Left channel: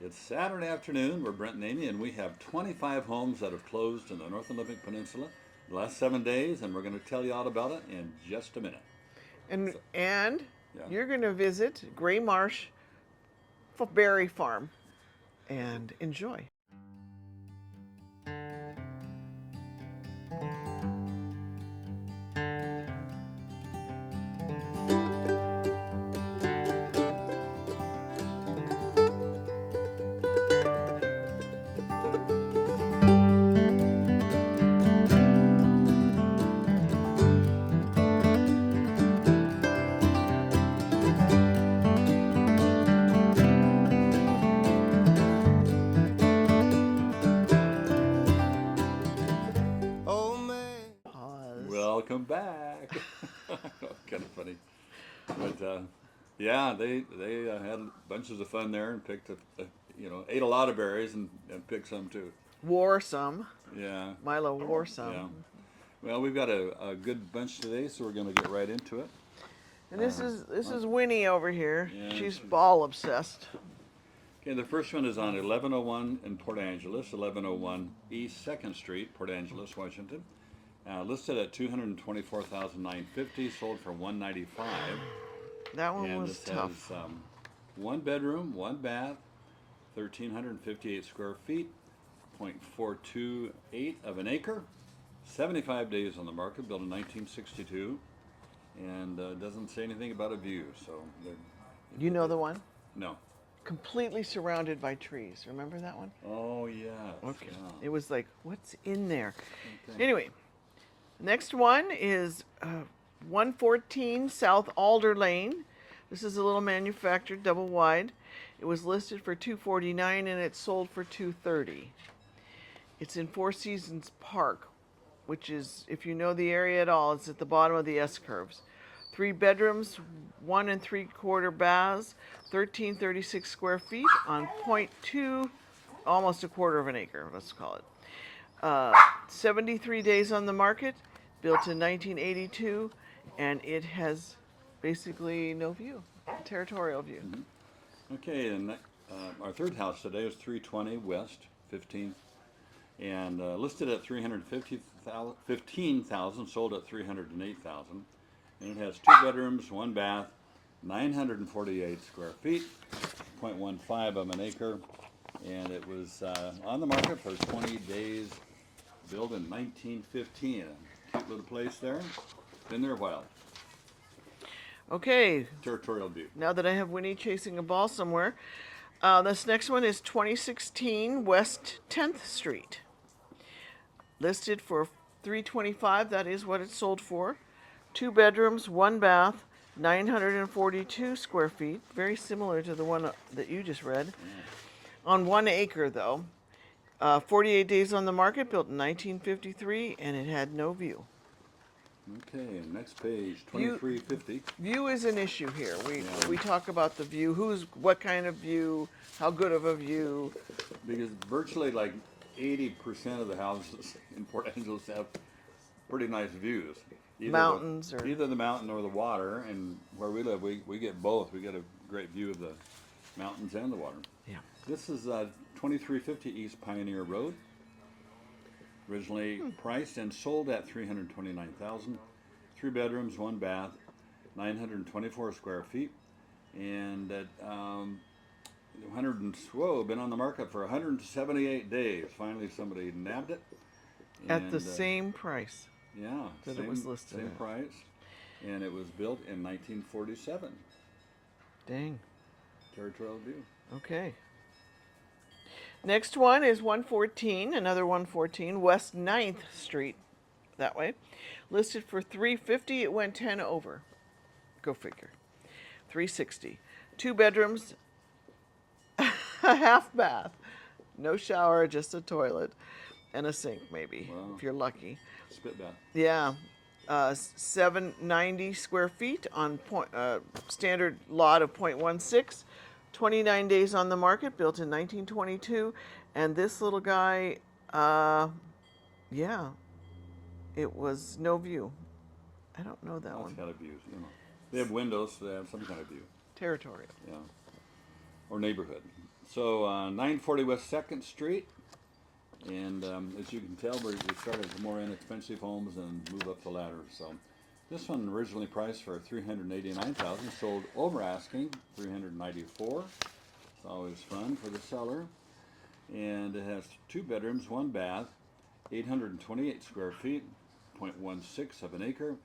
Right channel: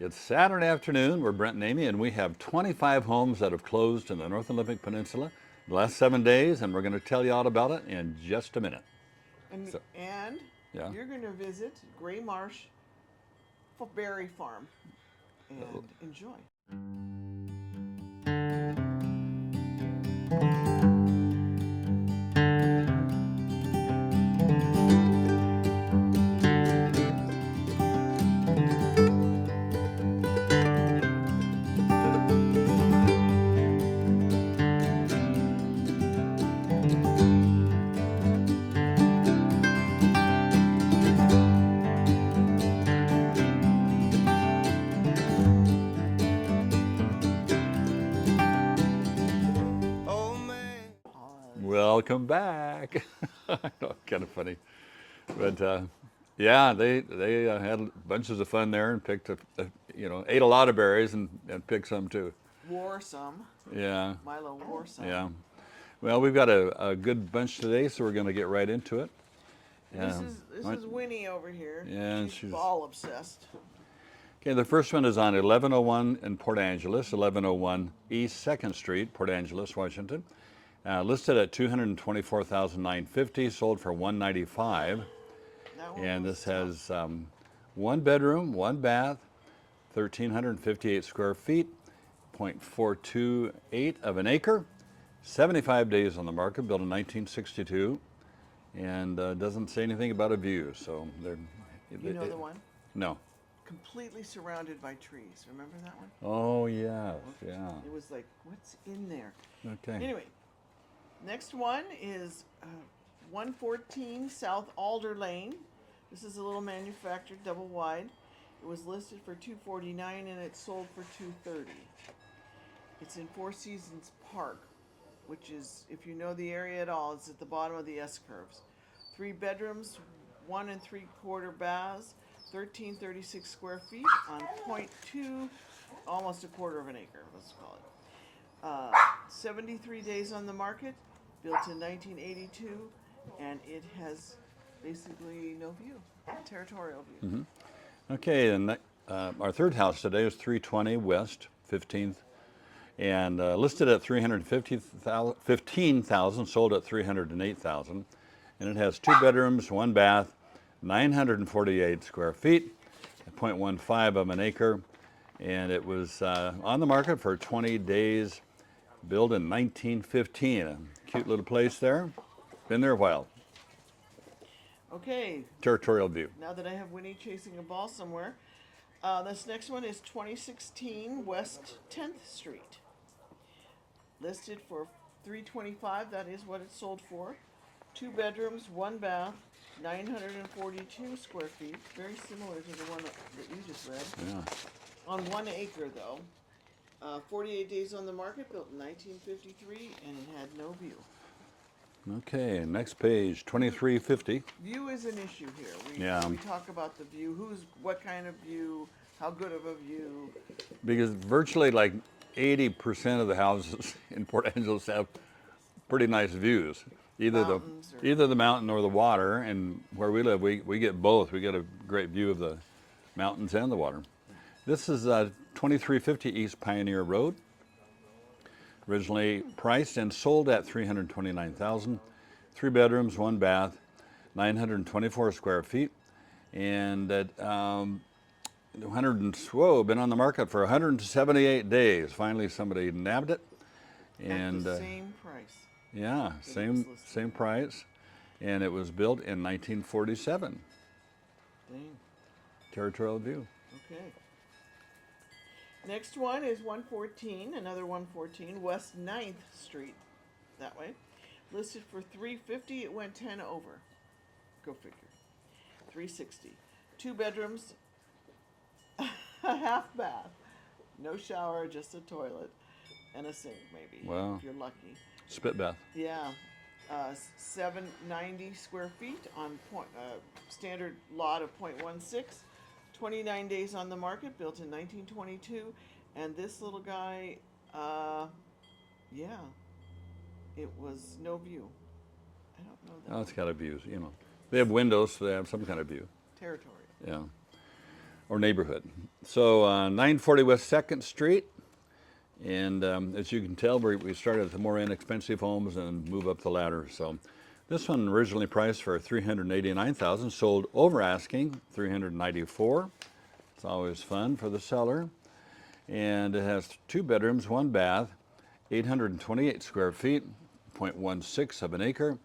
It's Saturday afternoon. We're Brent and Amy, and we have 25 homes that have closed in the North Olympic Peninsula the last 7 days, and we're going to tell you all about it in just a minute. And So, and yeah. you're going to visit Graysmarsh Berry Farm and enjoy. Pause. Welcome back. Kind of funny, but yeah, they had bunches of fun there and picked ate a lot of berries and picked some too. Wore some. Yeah, Milo wore some. yeah. Well, we've got a good bunch today, so we're going to get right into it. And this is Winnie over here. Yeah, she's she's- ball obsessed. Okay, the first one is on 1101 in Port Angeles, 1101 East 2nd Street, Port Angeles, Washington. Listed at $224,950, sold for $195. That one And was this tough. has one bedroom, one bath, 1,358 square feet, 0.428 of an acre, 75 days on the market, built in 1962, and doesn't say anything about a view. So they're. You know the one? No. Completely surrounded by trees. Remember that one? Oh yeah. Okay. Yeah. It was like, what's in there? Okay. Anyway, next one is 114 South Alder Lane. This is a little manufactured, double wide. It was listed for $249 and it sold for $230. It's in Four Seasons Park, which is, if you know the area at all, it's at the bottom of the S curves. 3 bedrooms, 1 3/4 baths, 1,336 square feet on .2, almost a quarter of an acre, let's call it. 73 days on the market, built in 1982, and it has basically no view, territorial view. Okay, and our third house today is 320 West 15th, and listed at $315,000, sold at $308,000, and it has 2 bedrooms, 1 bath, 948 square feet, 0.15 of an acre, and it was on the market for 20 days, built in 1915. A cute little place there. Been there a while. Okay, Territorial view. now that I have Winnie chasing a ball somewhere, this next one is 2016 West 10th Street. Listed for $325, that is what it sold for. 2 bedrooms, 1 bath, 942 square feet, very similar to the one that you just read. On 1 acre though. 48 days on the market, built in 1953, and it had no view. Okay, next page, 2350. View is an issue here. Yeah. We talk about the view, what kind of view, how good of a view. Because virtually like 80% of the houses in Port Angeles have pretty nice views. Mountains or- either the mountain or the water, and where we live, we get both. We get a great view of the mountains and the water. Yeah. This is 2350 East Pioneer Road. Originally priced and sold at $329,000. 3 bedrooms, 1 bath, 924 square feet, and at been on the market for 178 days. Finally, somebody nabbed it. At the same price. Yeah, that it same was listed same at. price, and it was built in 1947. Dang. Territorial view. Okay. Next one is 114, another 114, West 9th Street, that way. Listed for $350, it went 10 over. Go figure. $360. 2 bedrooms, a half bath, no shower, just a toilet, and a sink maybe, Wow. if you're lucky. Spit bath. Yeah. 790 square feet on standard lot of .16. 29 days on the market, built in 1922. And this little guy, yeah, it was no view. I don't know that Well, it's one. got a view, you know. They have windows, so they have some kind of view. Territorial. Yeah. Or neighborhood. So 940 West 2nd Street. And as you can tell, we started with the more inexpensive homes and move up the ladder. So this one originally priced for $389,000, sold over asking $394. It's always fun for the seller. And it has 2 bedrooms, 1 bath, 828 square feet, 0.16 of an acre.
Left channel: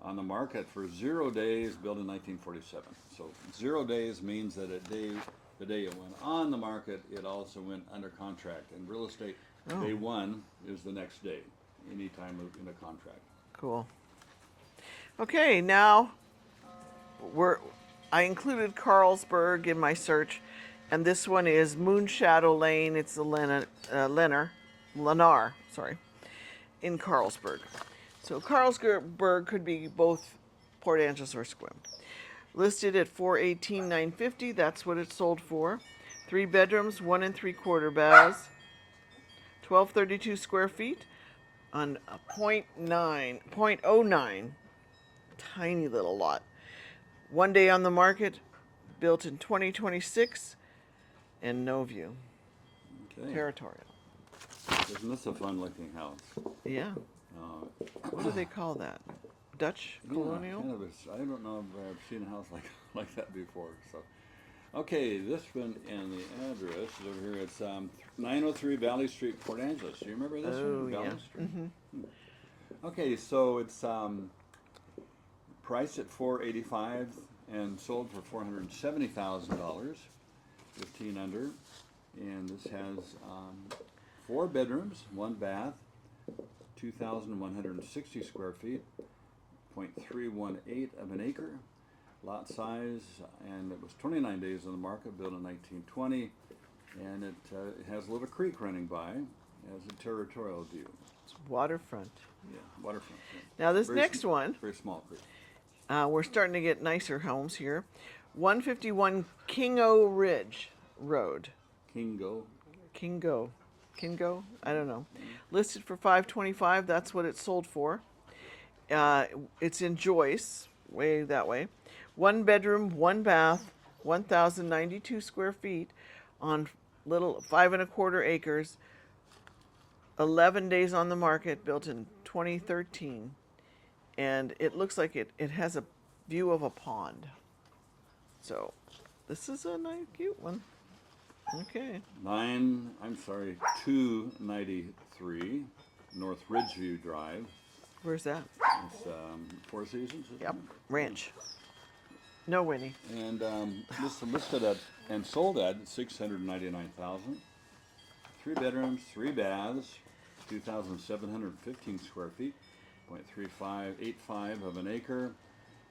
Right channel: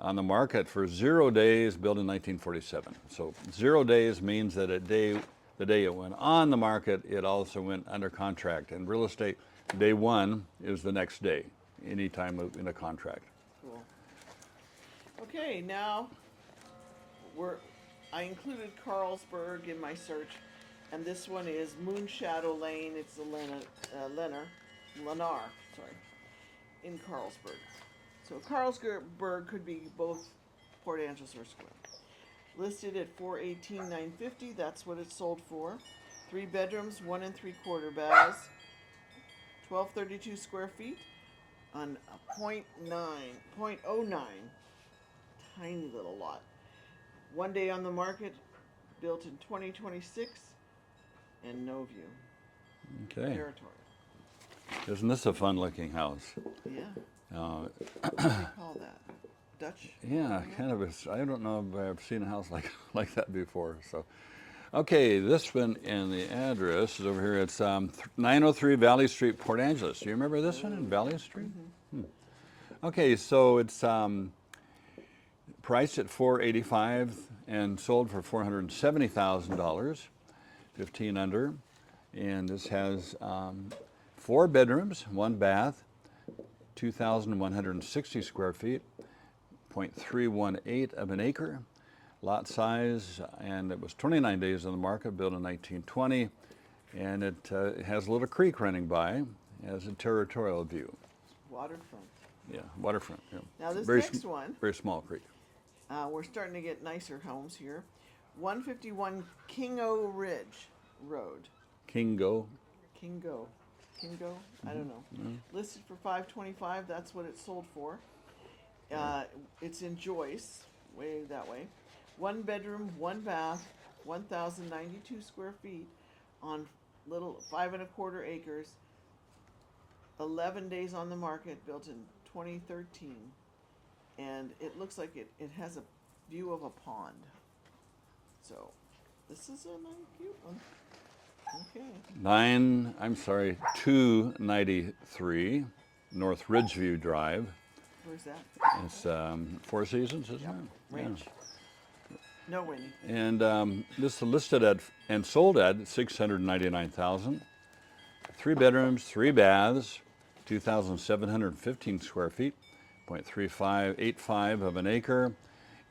On the market for 0 days, built in 1947. So 0 days means that the day it went on the market, it also went under contract. And real estate, day 1 is the next day, anytime in a contract. Cool. Okay, now I included Carlsberg in my search, and this one is Moonshadow Lane. It's the Lennar, in Carlsberg. So Carlsberg could be both Port Angeles or Sequim. Listed at $418,950. That's what it sold for. 3 bedrooms, 1 3/4 baths, 1,232 square feet on a 0.09, tiny little lot. 1 day on the market, built in 2026, and no view. Okay. Territorial. Isn't this a fun-looking house? Yeah. What do they call that? Dutch Yeah, colonial? kind of. I don't know if I've seen a house like that before. So, okay, this one and the address is over here. It's 903 Valley Street, Port Angeles. Do you remember this one, Valley yeah. Street? Okay, so it's priced at $485 and sold for $470,000, 15 under, and this has 4 bedrooms, 1 bath, 2,160 square feet, 0.318 of an acre, lot size, and it was 29 days on the market, built in 1920, and it has a little creek running by, has a territorial view. It's waterfront. Yeah, waterfront. Yeah. Now this Very next one, very small creek. we're starting to get nicer homes here. 151 Kingo Ridge Road. Kingo. Kingo, I don't know. Listed for $525. That's what it sold for. It's in Joyce, way that way. 1 bedroom, 1 bath, 1,092 square feet on little 5 1/4 acres. 11 days on the market, built in 2013, and it looks like it has a view of a pond. So this is a nice, cute one. Okay. 293 North Ridgeview Drive. Where's that? It's Four Seasons, isn't it? Ranch. No, Winnie. And this is listed at and sold at $699,000. 3 bedrooms, 3 baths, 2,715 square feet, 0.3585 of an acre.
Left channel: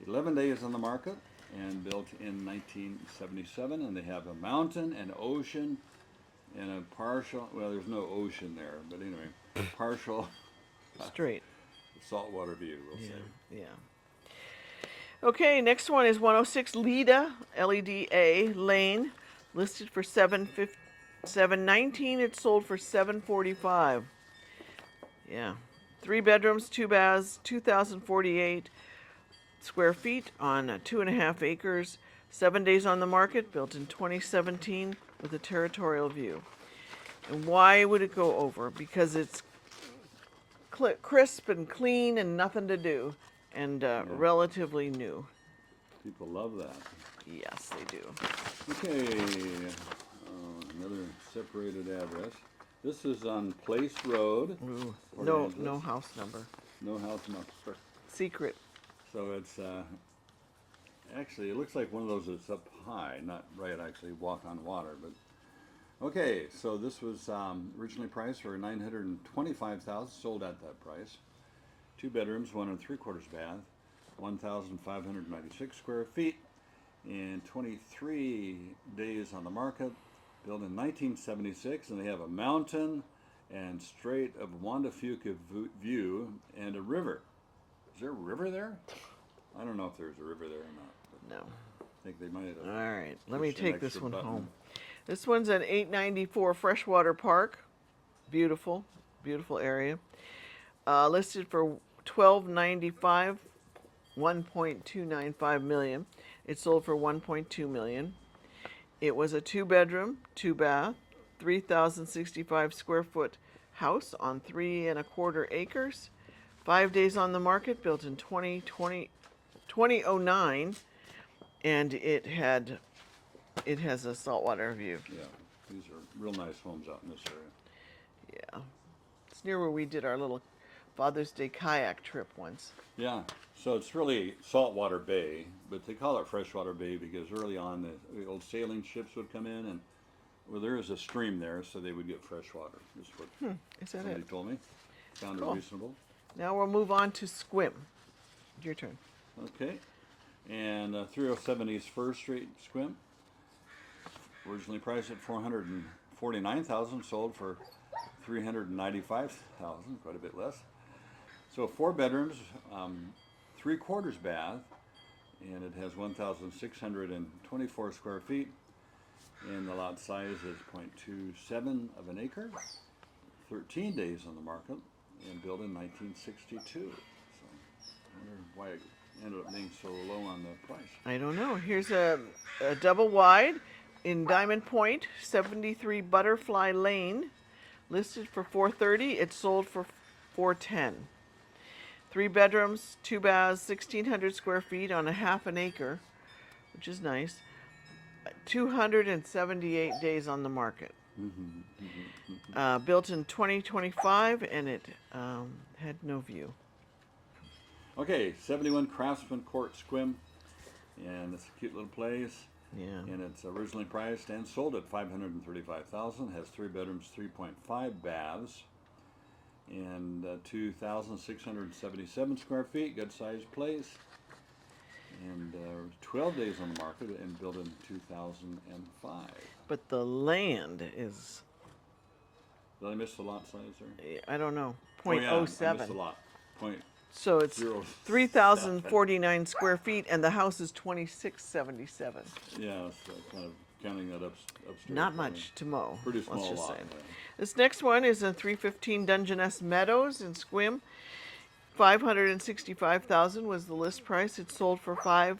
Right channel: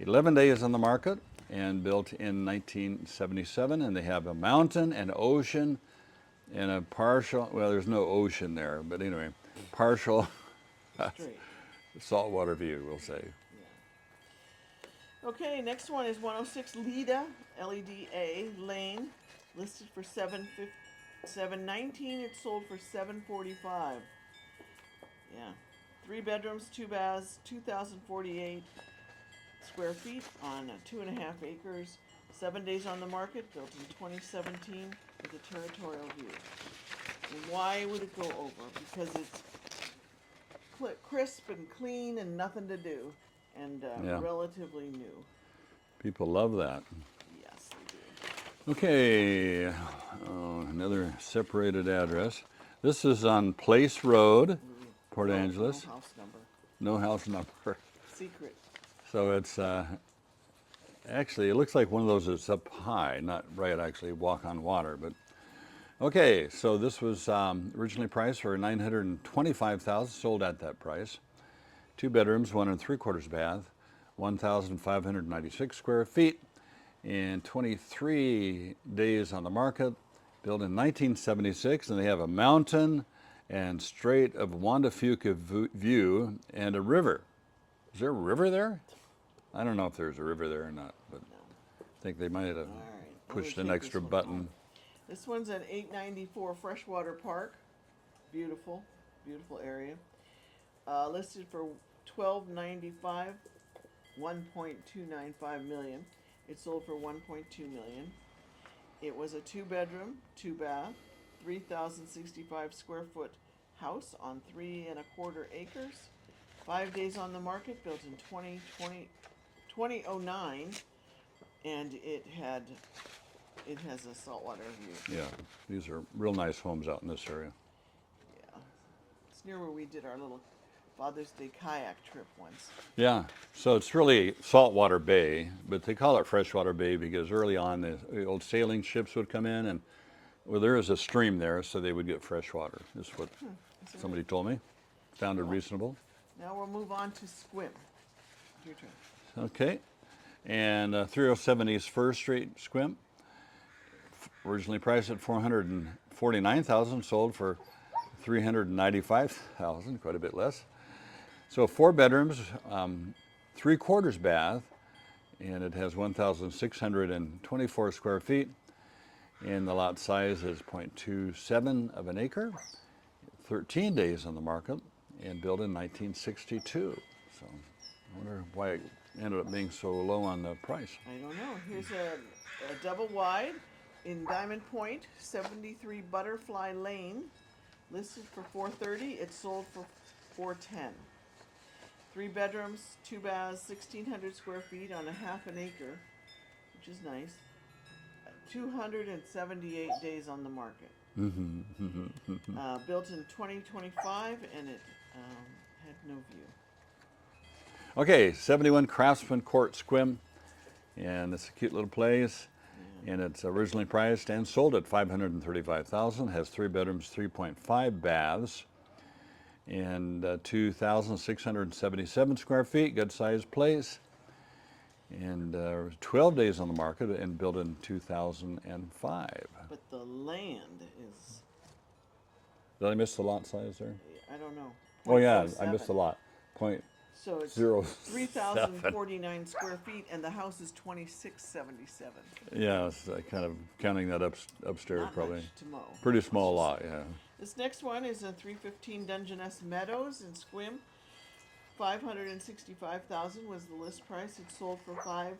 11 days on the market and built in 1977. And they have a mountain, an ocean, and a partial, well, there's no ocean there, but anyway, partial Strait. saltwater view, we'll say. Yeah. Okay, next one is 106 Leda, Leda Lane, listed for $719. It sold for $745. Yeah. 3 bedrooms, 2 baths, 2,048 square feet on 2.5 acres. 7 days on the market, built in 2017 with a territorial view. And why would it go over? Because it's crisp and clean and nothing to do, and relatively new. People love that. Yes, they do. Okay, another separated address. This is on Place Road, Ooh, Port no, Angeles. No house number. No house number. Secret. So it's actually, it looks like one of those that's up high, not right actually walk on water. But okay, so this was originally priced for $925,000, sold at that price. 2 bedrooms, 1 3/4 bath, 1,596 square feet, and 23 days on the market. Built in 1976, and they have a mountain and Strait of Fuca view and a river. Is there a river there? I don't know if there's a river there or not, but No. I think they might have All right. Let me pushed an take extra this one button. home. This one's at 894 Freshwater Park. Beautiful, beautiful area. Listed for $1,295, $1.295 million. It sold for $1.2 million. It was a 2-bedroom, 2-bath, 3,065 square foot house on 3¼ acres. 5 days on the market, built in 2009, and it has a saltwater view. Yeah, these are real nice homes out in this area. Yeah, it's near where we did our little Father's Day kayak trip once. Yeah, so it's really saltwater bay, but they call it freshwater bay because early on the old sailing ships would come in and, well, there is a stream there, so they would get fresh water. Is what Is that somebody it? told me. Sounded Cool. reasonable. Now we'll move on to Sequim. Your turn. Okay, and 307 East First Street, Sequim. Originally priced at $449,000, sold for $395,000, quite a bit less. So 4 bedrooms, 3/4 bath, and it has 1,624 square feet, and the lot size is 0.27 of an acre. 13 days on the market, and built in 1962. So I wonder why it ended up being so low on the price. I don't know. Here's a double wide in Diamond Point, 73 Butterfly Lane, listed for $430. It sold for $410. 3 bedrooms, 2 baths, 1,600 square feet on a ½ acre, which is nice. 278 days on the market. Built in 2025, and it had no view. Okay, 71 Craftsman Court, Sequim, and it's a cute little place. Yeah. And it's originally priced and sold at $535,000. Has 3 bedrooms, 3.5 baths, and 2,677 square feet. Good sized place. And 12 days on the market, and built in 2005. But the land is, Did I miss the lot size there? I don't know, Oh yeah, 0.07. I missed the lot. So it's 0.07. 3,049 square feet, and the house is 2,677. Yeah, it's kind of counting that upstairs. Not probably. much to mow. Pretty let's small just lot, say. yeah. This next one is in 315 Dungeness Meadows in Sequim. $565,000 was the list price. It sold for $450.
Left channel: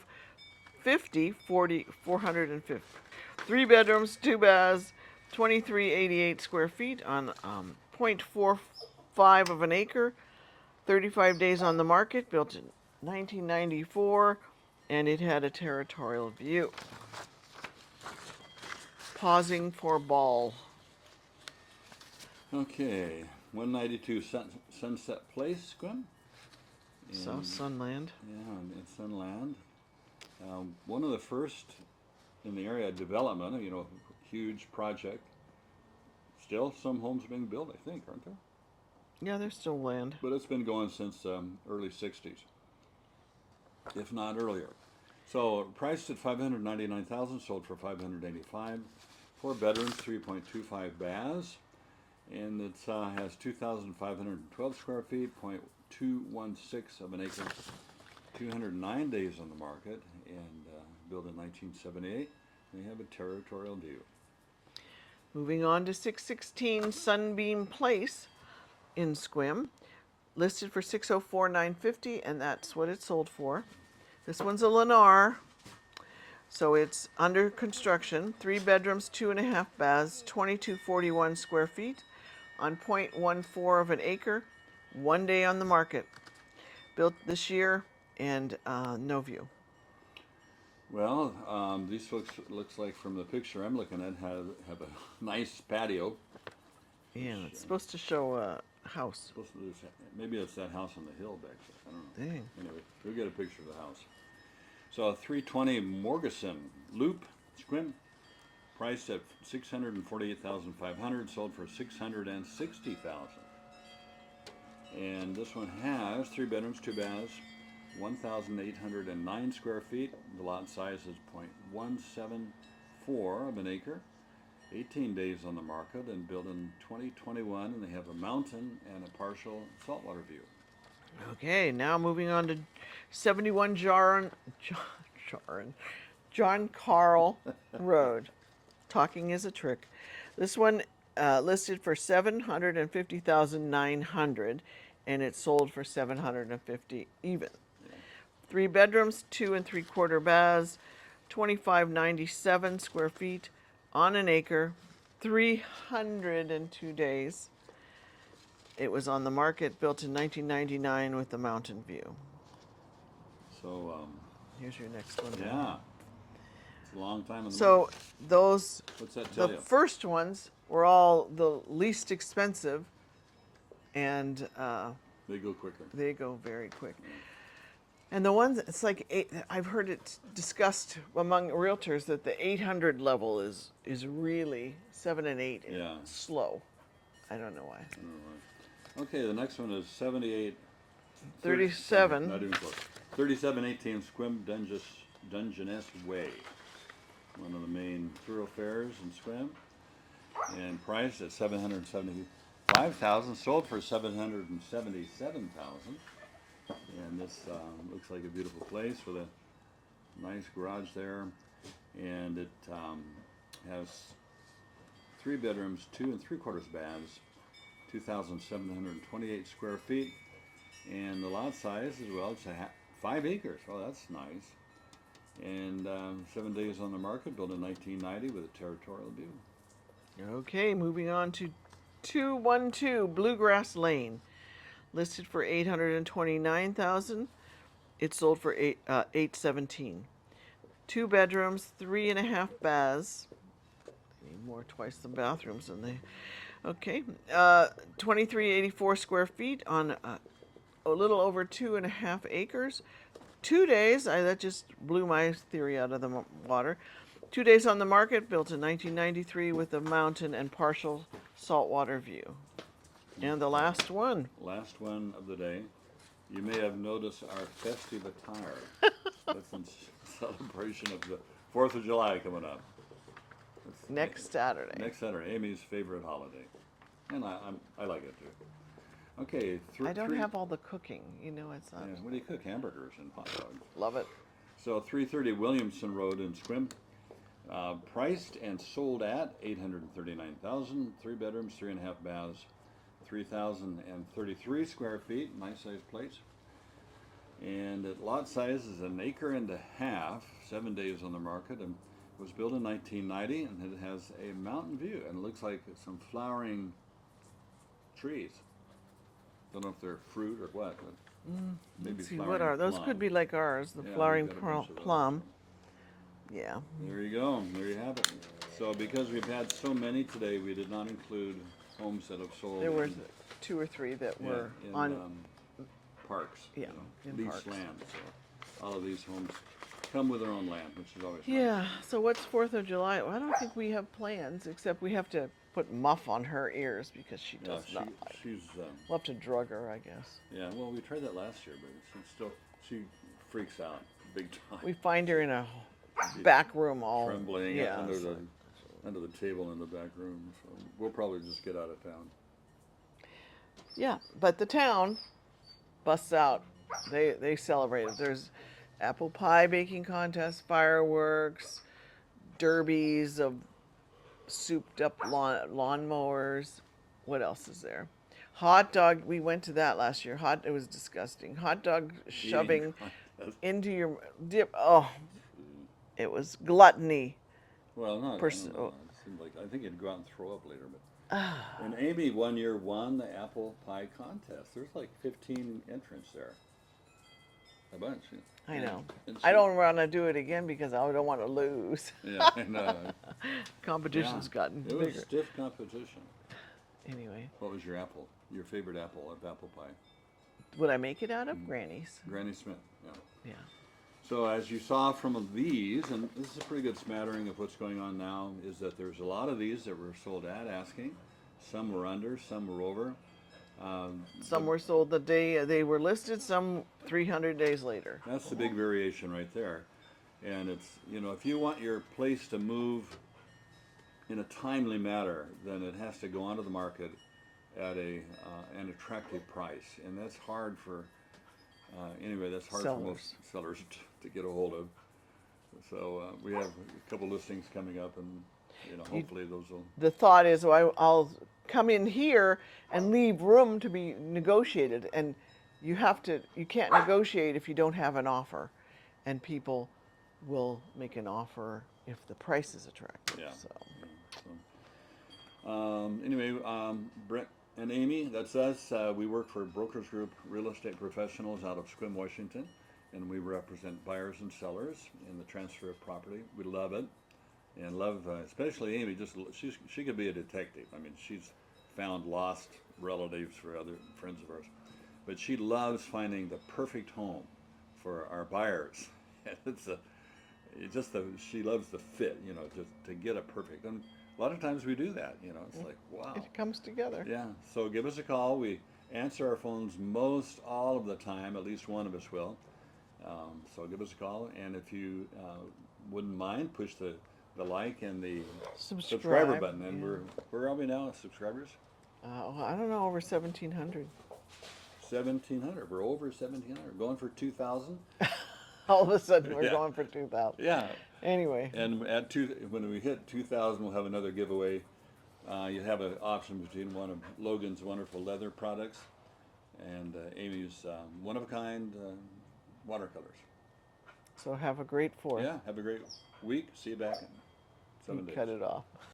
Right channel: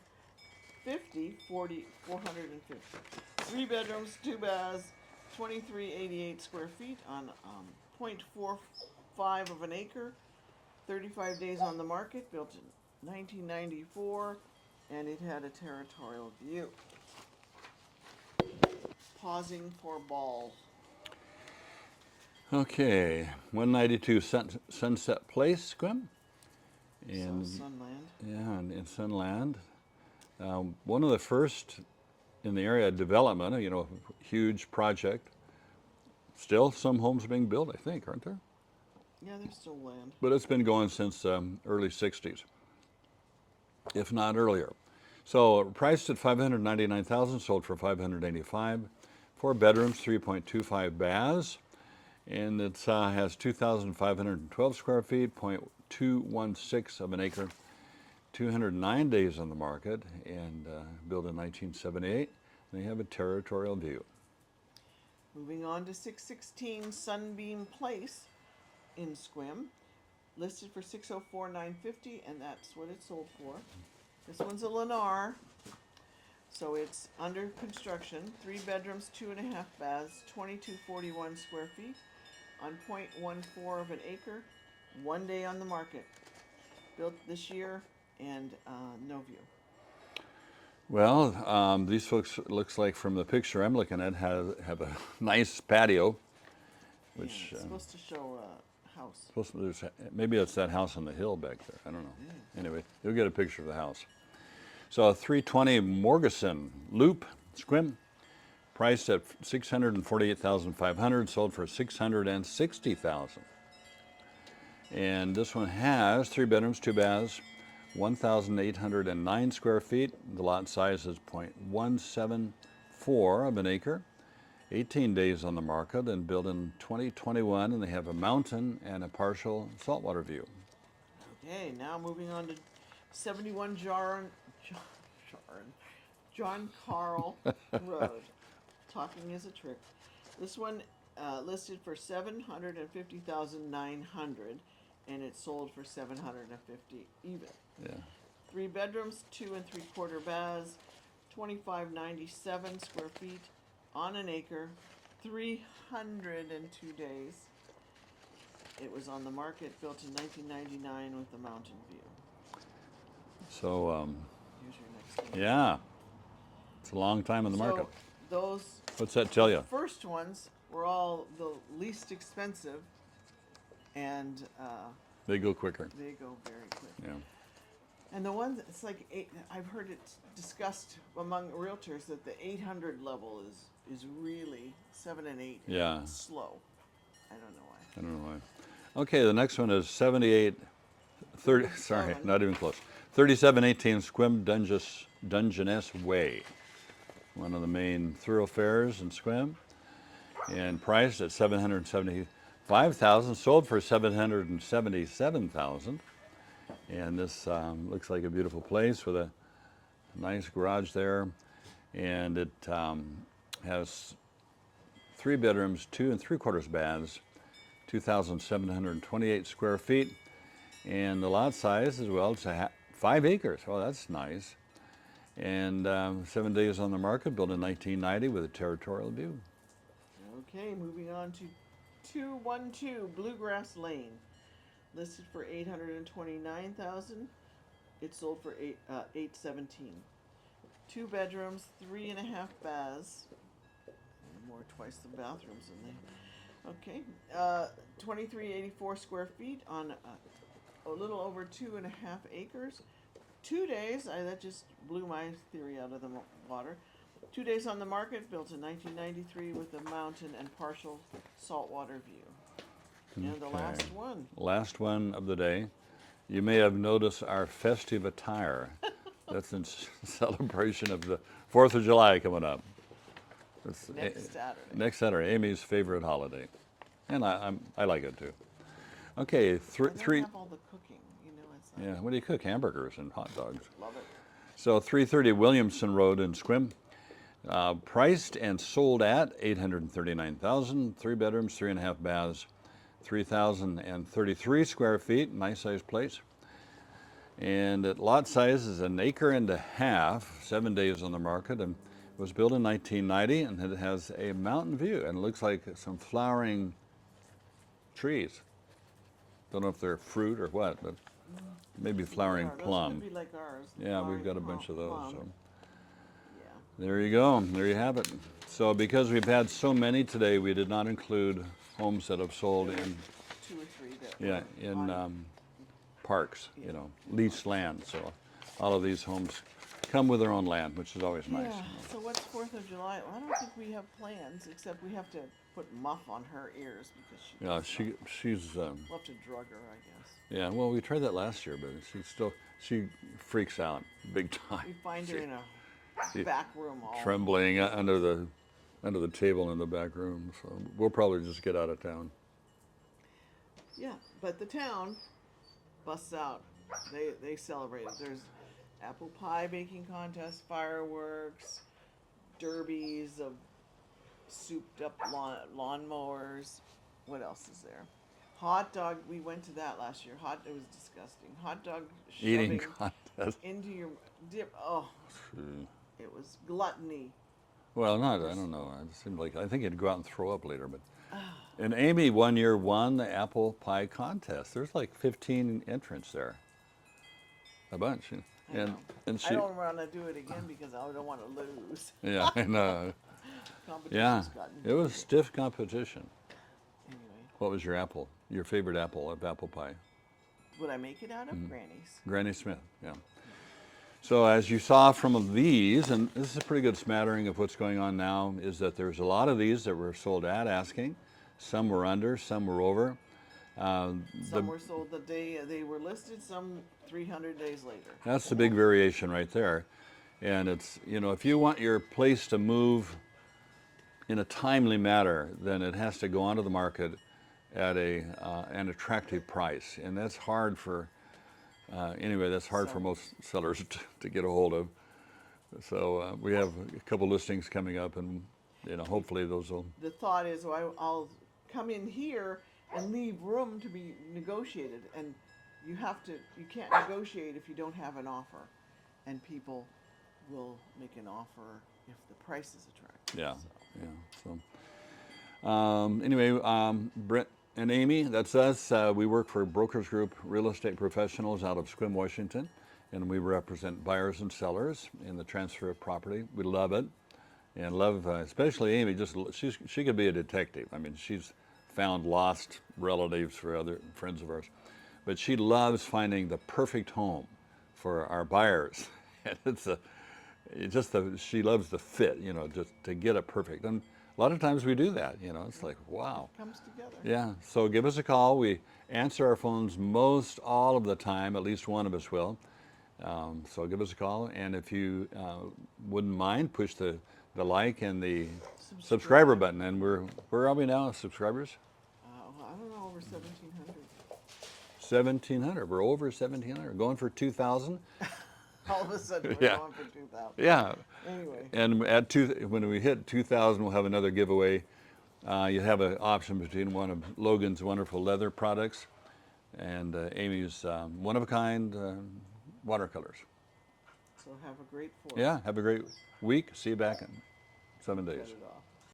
3 bedrooms, 2 baths, 2,388 square feet on 0.45 of an acre. 35 days on the market, built in 1994, and it had a territorial view. Pausing for ball. Okay, 192 Sunset Place, Sequim. South Sunland. Yeah, in Sunland. One of the first in the area development, huge project. Still some homes being built, I think, aren't there? Yeah, there's still land. But it's been going since early 60s, if not earlier. So priced at $599,000, sold for $585,000. 4 bedrooms, 3.25 baths, and it has 2,512 square feet, 0.216 of an acre. 209 days on the market, and built in 1978. They have a territorial view. Moving on to 616 Sunbeam Place in Sequim, listed for $604,950, and that's what it sold for. This one's a Lennar, so it's under construction. 3 bedrooms, 2.5 baths, 2,241 square feet on 0.14 of an acre. 1 day on the market. Built this year, and no view. Well, these folks, looks like from the picture I'm looking at, have a nice patio. Yeah, Which, it's supposed to show a house. Maybe it's that house on the hill back there. I don't know. Dang. Anyway, you'll get a picture of the house. So 320 Morgeson Loop, Sequim, priced at $648,500, sold for $660,000. And this one has 3 bedrooms, 2 baths, 1,809 square feet. The lot size is 0.174 of an acre. 18 days on the market, and built in 2021, and they have a mountain and a partial saltwater view. Okay, now moving on to 71 John Carl Road. Talking is a trick. This one listed for $750,900, and it sold for $750 even. Yeah. 3 bedrooms, 2 3/4 baths, 2,597 square feet on an acre, 302 days. It was on the market, built in 1999 with the mountain view. So, Here's your next one. yeah, it's a long time on the So market. those, What's that tell the you? first ones were all the least expensive, and They go quicker. they go very quick. Yeah. And the ones, it's like I've heard it discussed among realtors that the 800 level is really 7 and 8. Yeah. Slow. I don't know why. I don't know why. Okay, the next one is 78. 37. Sorry, not even close. 3718 Sequim Dungeness Way. One of the main thoroughfares in Sequim. And priced at $775,000, sold for $777,000. And this looks like a beautiful place with a nice garage there. And it has 3 bedrooms, 2 3/4 baths, 2,728 square feet. And the lot size as well, it's 5 acres. Oh, that's nice. And 7 days on the market, built in 1990 with a territorial view. Okay, moving on to 212 Bluegrass Lane, listed for $829,000. It sold for $817,000. 2 bedrooms, 3.5 baths. More twice the bathrooms than they. Okay, 2,384 square feet on a little over 2.5 acres. 2 days. That just blew my theory out of the water. 2 days on the market, built in 1993 with a mountain and partial saltwater view. And the last one. Last one of the day. You may have noticed our festive attire. That's in celebration of the 4th of July coming up. It's Next Saturday. Next Saturday, Amy's favorite holiday. And I like it too. Okay, I don't three. have all the cooking. You know, it's not. Yeah, what do you cook? Hamburgers and hot dogs. Love it. So 330 Williamson Road in Sequim. Priced and sold at $839,000, 3 bedrooms, 3.5 baths, 3,033 square feet, nice sized place. And at lot size is 1.5 acres, 7 days on the market, and it was built in 1990, and it has a mountain view, and it looks like some flowering trees. Don't know if they're fruit or what, but maybe Let's see, flowering what are those? plum. Could be like ours, the Yeah, flowering we've got a bunch of those. plum. So. Yeah. There you go. There you have it. So because we've had so many today, we did not include homes that have sold There were in, 2 or 3 that yeah, were in on. parks, Yeah, you know, in leased parks. land. So all of these homes come with their own land, which is always nice. Yeah. So what's 4th of July? Well, I don't think we have plans, except we have to put muff on her ears because she Yeah, does not. she's, We'll have to drug her, I guess. yeah, well, we tried that last year, but she freaks out big time. We find her in a she- back room all trembling yeah, under the table in the back room. So we'll probably just get out of town. Yeah, but the town busts out. They celebrate it. There's apple pie baking contest, fireworks, derbies of souped up lawnmowers. What else is there? Hot dog. We went to that last year. It was disgusting. Hot dog shoving Eating contest. into your dip. Oh, it was gluttony. Well, I don't know. It seemed like I think he'd go out and throw up later. But and Amy one year won the apple pie contest. There's like 15 entrants there. A bunch. I know. And I don't want to do it again because I don't want to lose. Yeah, I know. Competition's gotten It was bigger. stiff competition. Anyway, What was your apple? Your favorite apple of apple pie? would I make it out of Granny's? Granny Smith. Yeah. So as you saw from these, and this is a pretty good smattering of what's going on now, is that there's a lot of these that were sold at asking. Some were under, some were over. Some were sold the day they were listed, some 300 days later. That's the big variation right there. And it's, you know, if you want your place to move in a timely manner, then it has to go onto the market at an attractive price. And that's hard for, that's hard for most sellers to get a hold of. So we have a couple listings coming up, and, you know, hopefully those will. The thought is, I'll come in here and leave room to be negotiated. And you can't negotiate if you don't have an offer. And people will make an offer if the price is attractive. Yeah. So. Yeah. So, anyway, Brent and Amy, that's us. We work for Brokers Group Real Estate Professionals out of Sequim, Washington, and we represent buyers and sellers in the transfer of property. We love it, and love especially Amy. She could be a detective. I mean, she's found lost relatives for other friends of ours, but she loves finding the perfect home for our buyers. And she loves the fit, just to get it perfect. And a lot of times we do that, it's like, wow. It comes together. Yeah, so give us a call. We answer our phones most all of the time, at least one of us will. So give us a call, and if you wouldn't mind, push the like and the subscriber button. And where are we now, subscribers? I don't know, over 1,700. 1,700. We're over 1,700. Going for 2,000. All of a sudden, we're Yeah. going for 2,000. Yeah. Anyway. And when we hit 2,000, we'll have another giveaway. You have an option between one of Logan's wonderful leather products and Amy's one-of-a-kind watercolors. So have a great 4th. Yeah, have a great week. See you back in 7 days. Cut it off.